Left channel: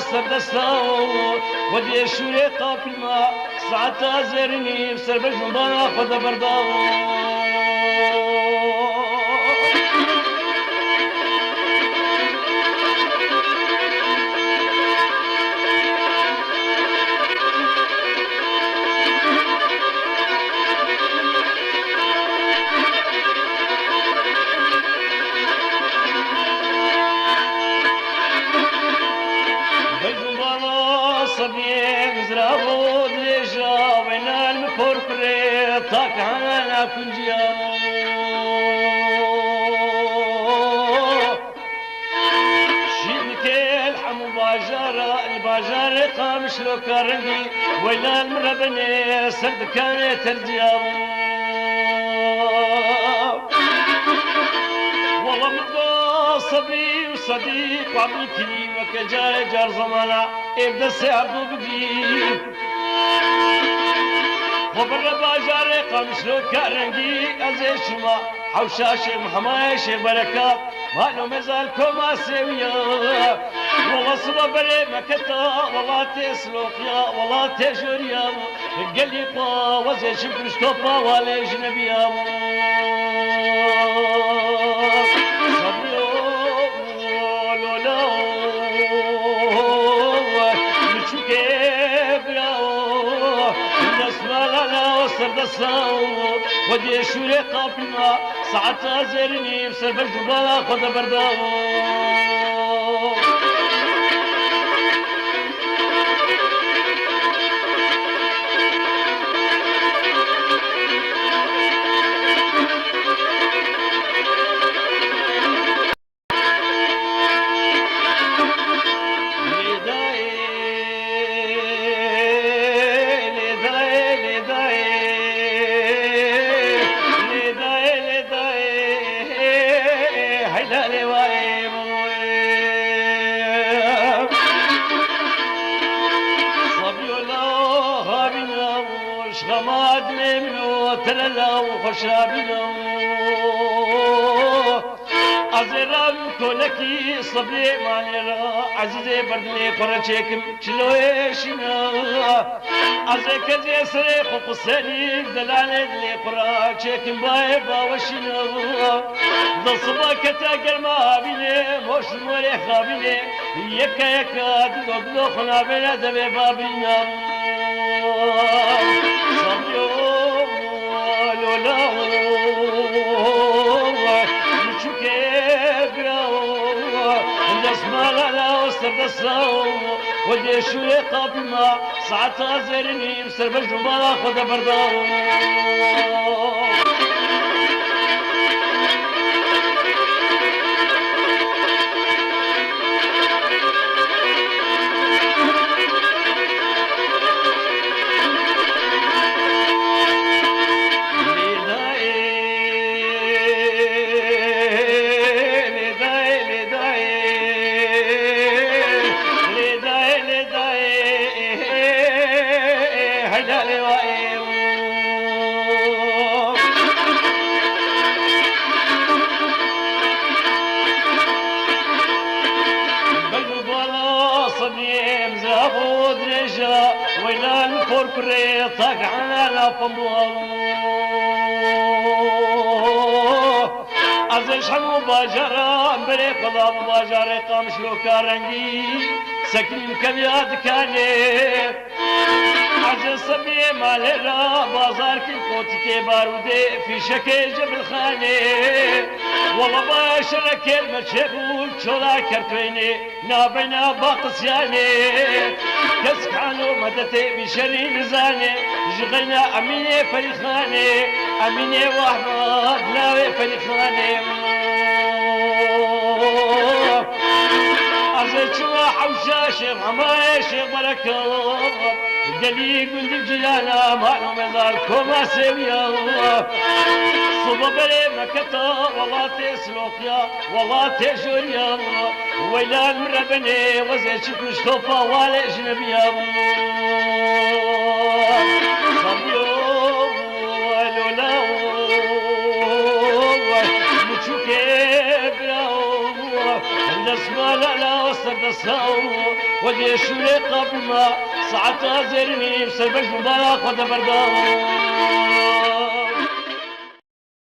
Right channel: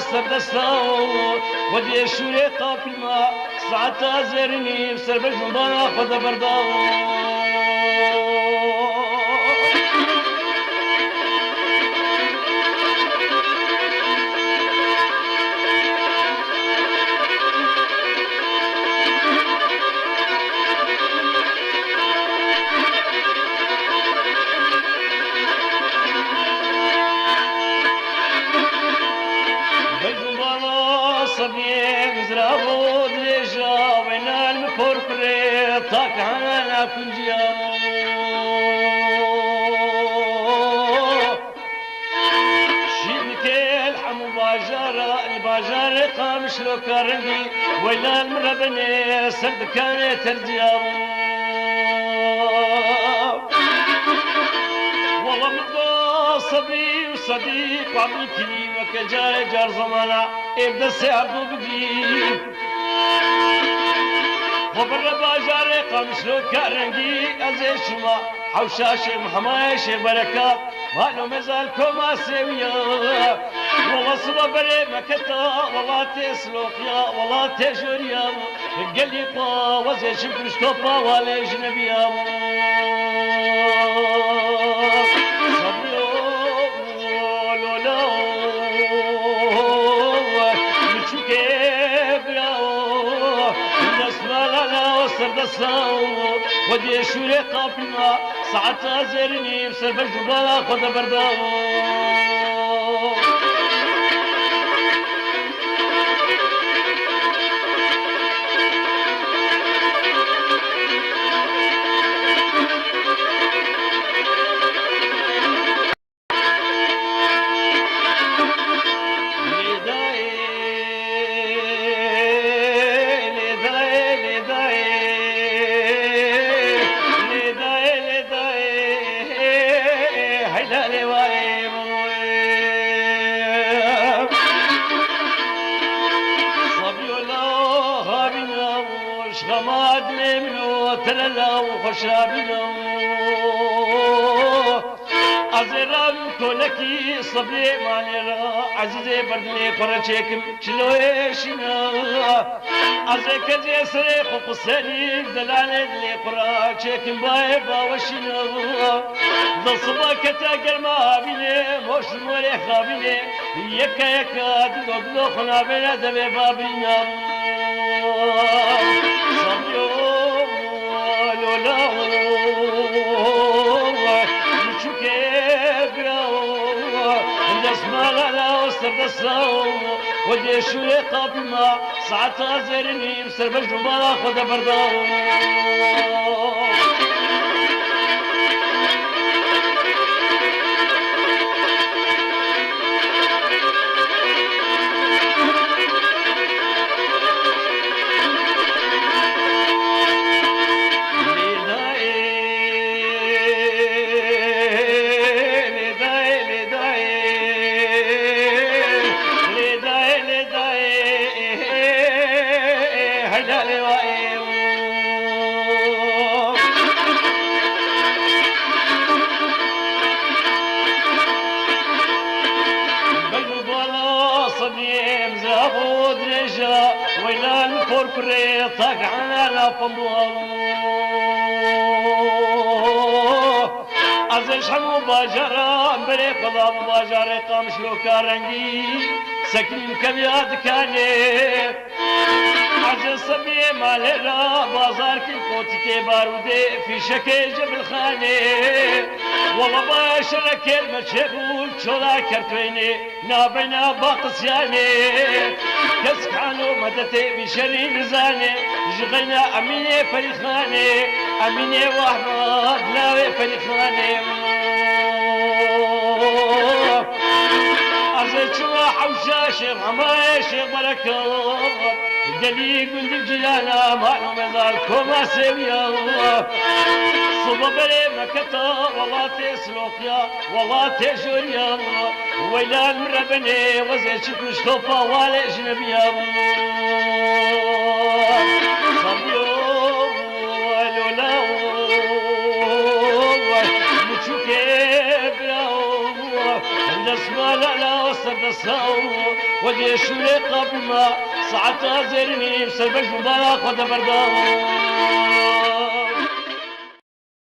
سردستا ودي شوري قافل ما ساعتا زرني بسر بجنبانا خد بردا صبيان زرابو دليجا وين المكور قريب طاق على كل جيامو شيبكي الحمو باجارة الباجار قامش لو كارنجي وين المربني سرد كانت الجيامو والله مضى صبري وصديق وعمتي وكجار جار زمانا ابدا سعدو بجي وبر باجار قمشلو كارنجي ازي شما حوشاشي محمايشي بركات مالو مزالكم اسيويا والله صبا بري مكتا والله تسلوكيا والله تجوريا قليبا وزي شبرستوبا ولا اجنبيا ودي شوري قافلة ساعتها زرني بسبب الجبال خد برداو غماد منو ترلو خشابيو ازرام كولكي صبري مالرا عزيزي بردلي فرچكم شلويشنا ازك جسري خقسري دلالي لي فرچكم باي باوشنا ضصبا كتا ما بيني موش موري خابيني يكا يكا دغدو خلابنا دبي بابينا ودي شوي قابلنا ساعتها زرني بسبب الجمال خد برداو ويلان فوركري طاق على لفمبو ازش هم باجرا بري قضا باجر قامش لو كارنجي سكين كبيات كاني از سبي مالرا بازار کی کوچ بارودي في شكل جبل خاني والله باشر كلمة شغول شولا كرتويني نابنا باقسياني كسكانو مدتي بشري مزاني جغينا اميني فريخاني اميني وحبا دلاوي فريخاني ازيتشوا حوشاشي محمايشي بركة قليل من الجلاله مالو مزاركم اسيويا صببري مكتا والله تسلوكيا والله تجوريا ويلان من ربني وزيتش كشتوفا ولا اجنبيا صبيو ولولاو متشوكي براو اسمع لا وسط الصو وجيش لي قبل ما ساعة زرمي بسبب مبارك ودبردو